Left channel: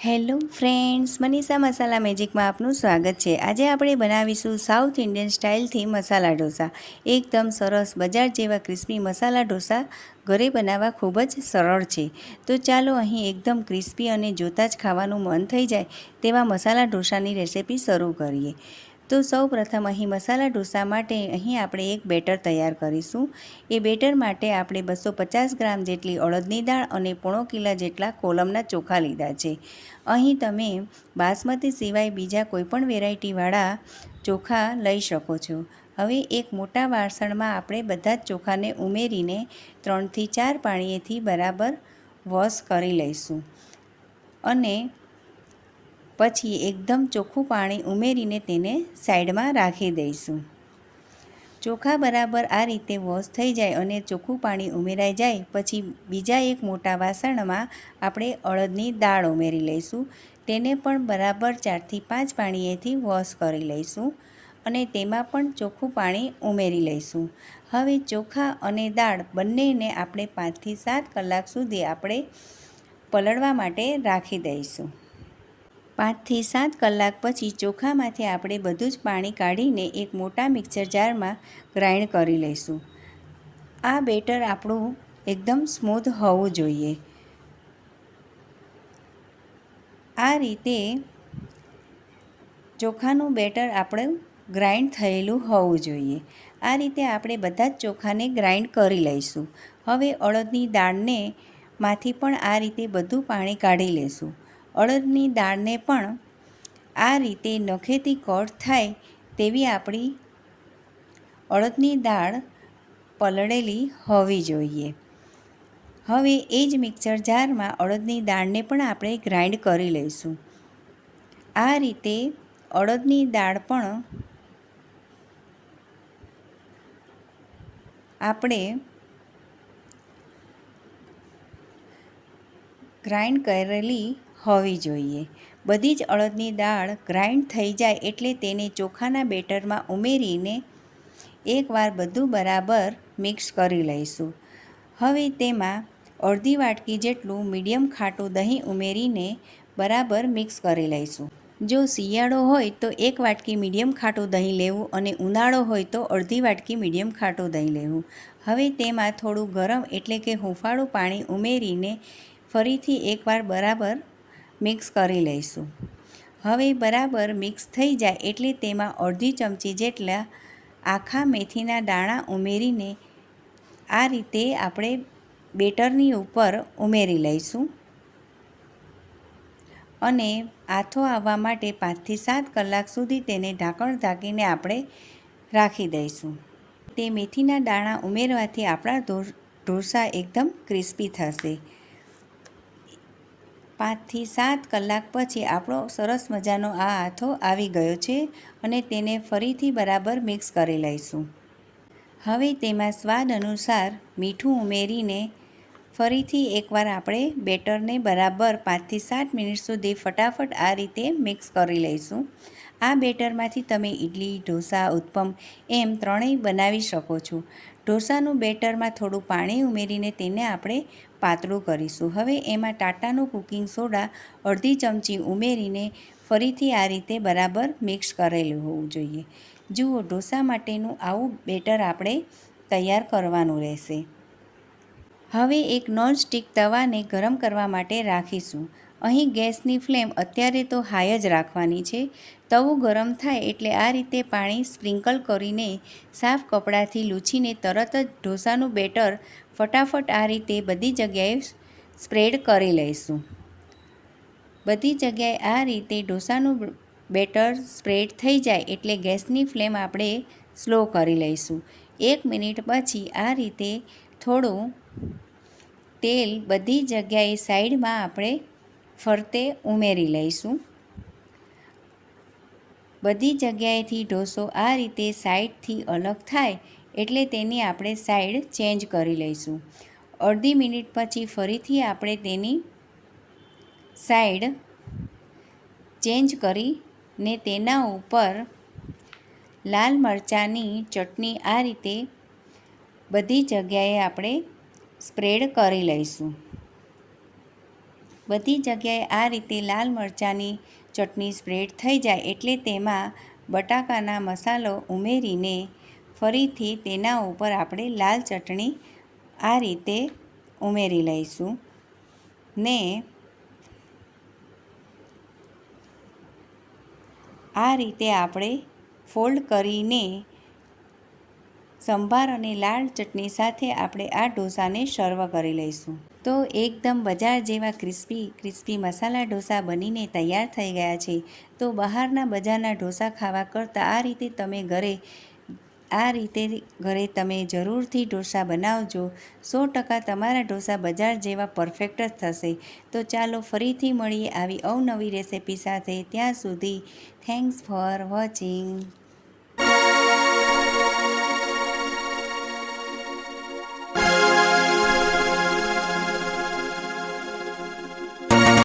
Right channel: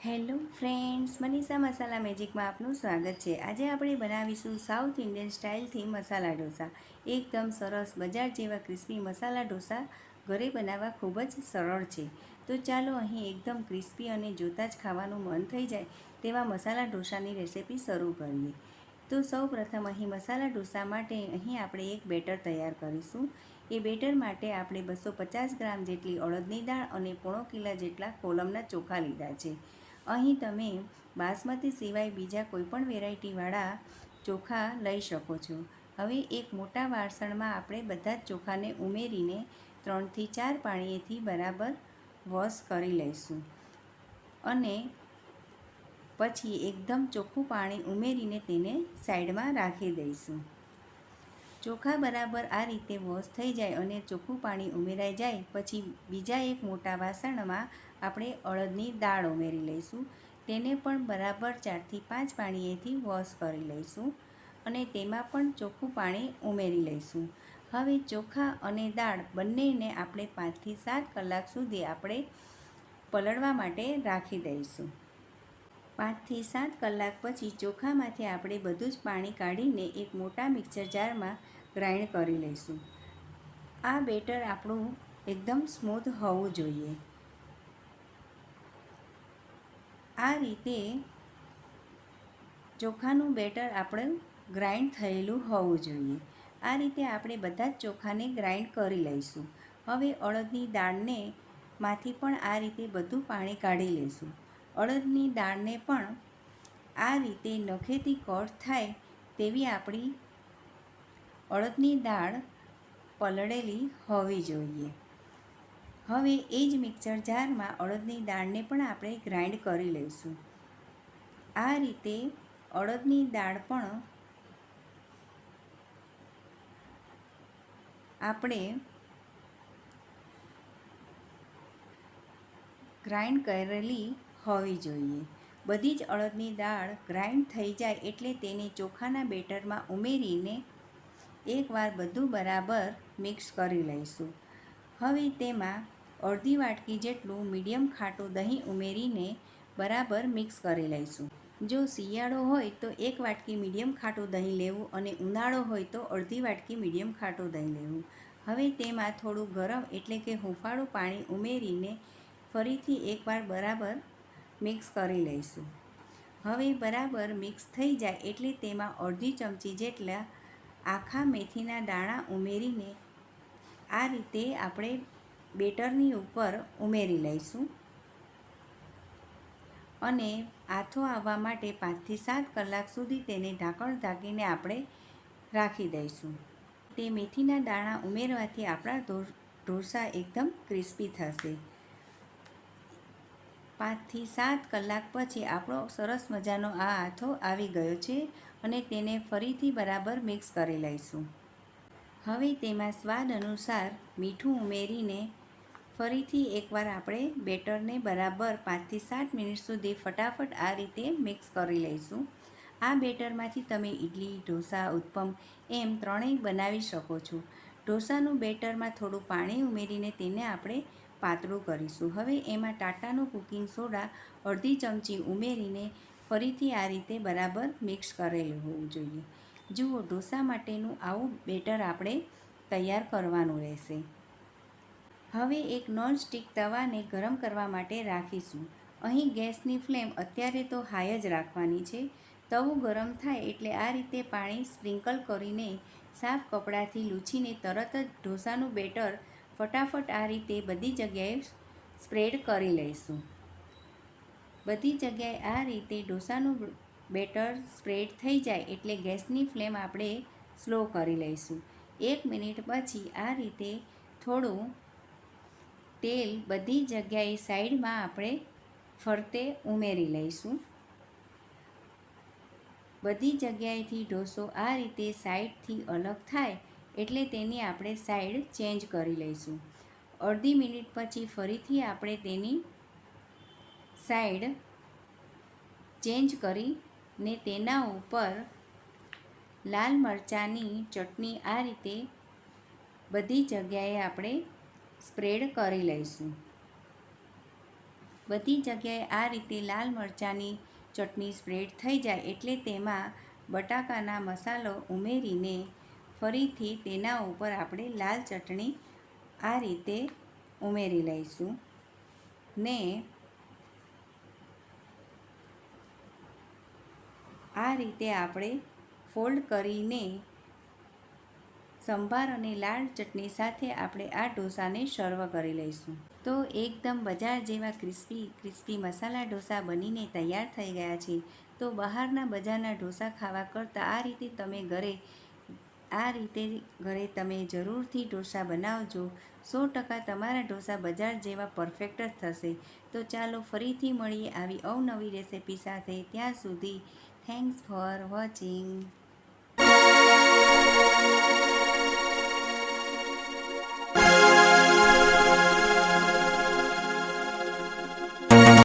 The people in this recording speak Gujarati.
હેલો ફ્રેન્ડ્સ, મનીષા મસાલા મેજિકમાં આપનું સ્વાગત છે। આજે આપણે બનાવીશું સાઉથ ઇન્ડિયન સ્ટાઇલથી મસાલા ઢોસા। એકદમ સરસ બજાર જેવા ક્રિસ્પી મસાલા ઢોસા ઘરે બનાવવા ખૂબ જ સરળ છે। તો ચાલો અહીં એકદમ ક્રિસ્પી અને જોતાં જ ખાવાનું મન થઈ જાય તેવા મસાલા ઢોસાની રેસિપી શરૂ કરીએ। તો સૌપ્રથમ અહીં મસાલા ઢોસા માટે અહીં આપણે એક બેટર તૈયાર કરીશું। એ બેટર માટે આપણે 250 ગ્રામ જેટલી અડદની દાળ અને પોણો કિલો જેટલા કોલમના ચોખા લીધા છે। અહીં તમે બાસમતી સિવાય બીજા કોઈપણ વેરાયટીવાળા ચોખા લઈ શકો છો। હવે એક મોટા વાસણમાં આપણે બધા જ ચોખાને ઉમેરીને 3 થી 4 પાણીએથી બરાબર વોશ કરી લઈશું અને પછી એકદમ ચોખ્ખું પાણી ઉમેરીને તેને સાઈડમાં રાખી દઈશું। ચોખા બરાબર આ રીતે વોશ થઈ જાય અને ચોખ્ખું પાણી ઉમેરાઈ જાય પછી બીજા એક મોટા વાસણમાં આપણે અડદની દાળ ઉમેરી લઈશું। તેને પણ બરાબર 4 થી 5 પાણીએથી વોશ કરી લઈશું અને તેમાં પણ ચોખ્ખું પાણી ઉમેરી લઈશું। હવે ચોખા અને દાળ બંનેને આપણે 5 થી 7 કલાક સુધી આપણે પલળવા માટે રાખી દઈશું। 5 થી 7 કલાક પછી ચોખામાંથી આપણે બધું જ પાણી કાઢીને એક મોટા મિક્સર જારમાં ગ્રાઇન્ડ કરી લઈશું। આ બેટર આપણું એકદમ સ્મૂથ હોવું જોઈએ। આ રીતે ચોખાનું બેટર આપણું ગ્રાઇન્ડ થયેલું હોવું જોઈએ। આ રીતે આપણે બધા જ ચોખાને ગ્રાઇન્ડ કરી લઈશું। હવે અડદની દાળને માંથી પણ આ રીતે બધું પાણી કાઢી લઈશું। અડદની દાળને પણ આ રીતે નખેથી કટ થાય તેવી આપણી અડદની દાળ પલળેલી હોવી જોઈએ। હવે એ જ મિક્સર જારમાં અડદની દાળને પણ આપણે ગ્રાઇન્ડ કરી લઈશું। આ રીતે અડદની દાળ પણ આપણે ગ્રાઇન્ડ કરેલી હોવી જોઈએ। બધી જ અડદની દાળ ગ્રાઇન્ડ થઈ જાય એટલે તેને ચોખાના બેટરમાં ઉમેરીને એકવાર બધું બરાબર મિક્સ કરી લઈશું। હવે તેમાં અડધી વાટકી જેટલું મીડિયમ ખાટું દહીં ઉમેરીને બરાબર મિક્સ કરી લઈશું। જો શિયાળો હોય તો 1 વાટકી મીડિયમ ખાટું દહીં લેવું અને ઉનાળો હોય તો અડધી વાટકી મીડિયમ ખાટું દહીં લેવું। હવે તેમાં થોડું ગરમ એટલે કે હુંફાળું પાણી ઉમેરીને ફરીથી એકવાર બરાબર મિક્સ કરી લઈશું। હવે બરાબર મિક્સ થઈ જાય એટલે તેમાં અડધી ચમચી જેટલા આખા મેથીના દાણા ઉમેરીને આ રીતે આપણે બેટરની ઉપર ઉમેરી લઈશું અને આથો આવવા માટે 5 થી 7 કલાક સુધી તેને ઢાંકણ ઢાંકીને આપણે રાખી દઈશું। તે મેથીના દાણા ઉમેરવાથી આપણા ઢોસા એકદમ ક્રિસ્પી થશે। 5 થી 7 કલાક પછી આપણો સરસ મજાનો આ આથો આવી ગયો છે અને તેને ફરીથી બરાબર મિક્સ કરી લઈશું। હવે તેમાં સ્વાદ અનુસાર મીઠું ઉમેરીને ફરીથી એકવાર આપણે બેટરને બરાબર 5 થી 7 મિનિટ સુધી ફટાફટ આ રીતે મિક્સ કરી લઈશું। આ બેટરમાંથી તમે ઇડલી, ઢોસા, ઉત્તપમ એમ ત્રણેય બનાવી શકો છો। ઢોસાનું બેટરમાં થોડું પાણી ઉમેરીને તેને આપણે પાતળું કરીશું। હવે એમાં ટાટાનું કુકિંગ સોડા અડધી ચમચી ઉમેરીને ફરીથી આ રીતે બરાબર મિક્સ કરેલું હોવું જોઈએ। જુઓ, ઢોસા માટેનું આવું બેટર આપણે તૈયાર કરવાનું રહેશે। હવે એક નોનસ્ટિક તવાને ગરમ કરવા માટે રાખીશું। અહીં ગેસની ફ્લેમ અત્યારે તો હાઈ જ રાખવાની છે। તવું ગરમ થાય એટલે આ રીતે પાણી સ્પ્રિંકલ કરીને સાફ કપડાથી લૂછીને તરત જ ઢોસાનું બેટર ફટાફટ આ રીતે બધી જગ્યાએ સ્પ્રેડ કરી લઈશું। બધી જગ્યાએ આ રીતે ઢોસાનું બેટર સ્પ્રેડ થઈ જાય એટલે ગેસની ફ્લેમ આપણે સ્લો કરી લઈશું। 1 મિનિટ પછી આ રીતે થોડું તેલ બધી જગ્યાએ સાઈડમાં આપણે ફરતે ઉમેરી લઈશું। બધી જગ્યાએથી ઢોસો આ રીતે સાઈડથી અલગ થાય એટલે તેની આપણે સાઈડ ચેન્જ કરી લઈશું। અડધી મિનિટ પછી ફરીથી આપણે તેની સાઈડ ચેન્જ કરીને તેના ઉપર લાલ મરચાંની ચટણી આ રીતે બધી જગ્યાએ આપણે સ્પ્રેડ કરી લઈશું। બધી જગ્યાએ આ રીતે લાલ મરચાંની ચટણી સ્પ્રેડ થઈ જાય એટલે તેમાં બટાકાના મસાલો ઉમેરીને ફરીથી તેના ઉપર આપણે લાલ ચટણી આ રીતે ઉમેરી લઈશું ને આ રીતે આપણે ફોલ્ડ કરીને સંભાર અને લાલ ચટણી સાથે આપણે આ ઢોસાને સર્વ કરી લઈશું. તો એકદમ બજાર જેવા ક્રિસ્પી મસાલા ઢોસા બનીને તૈયાર થઈ ગયા છે. તો બહારના બજારના ઢોસા ખાવા કરતાં આ રીતે ઘરે તમે જરૂરથી ઢોસા બનાવજો. 100% તમારા ઢોસા બજાર જેવા પરફેક્ટ જ થશે. તો ચાલો ફરીથી મળીએ આવી અવનવી રેસિપી સાથે. ત્યાં સુધી થેન્ક્સ ફોર વોચિંગ.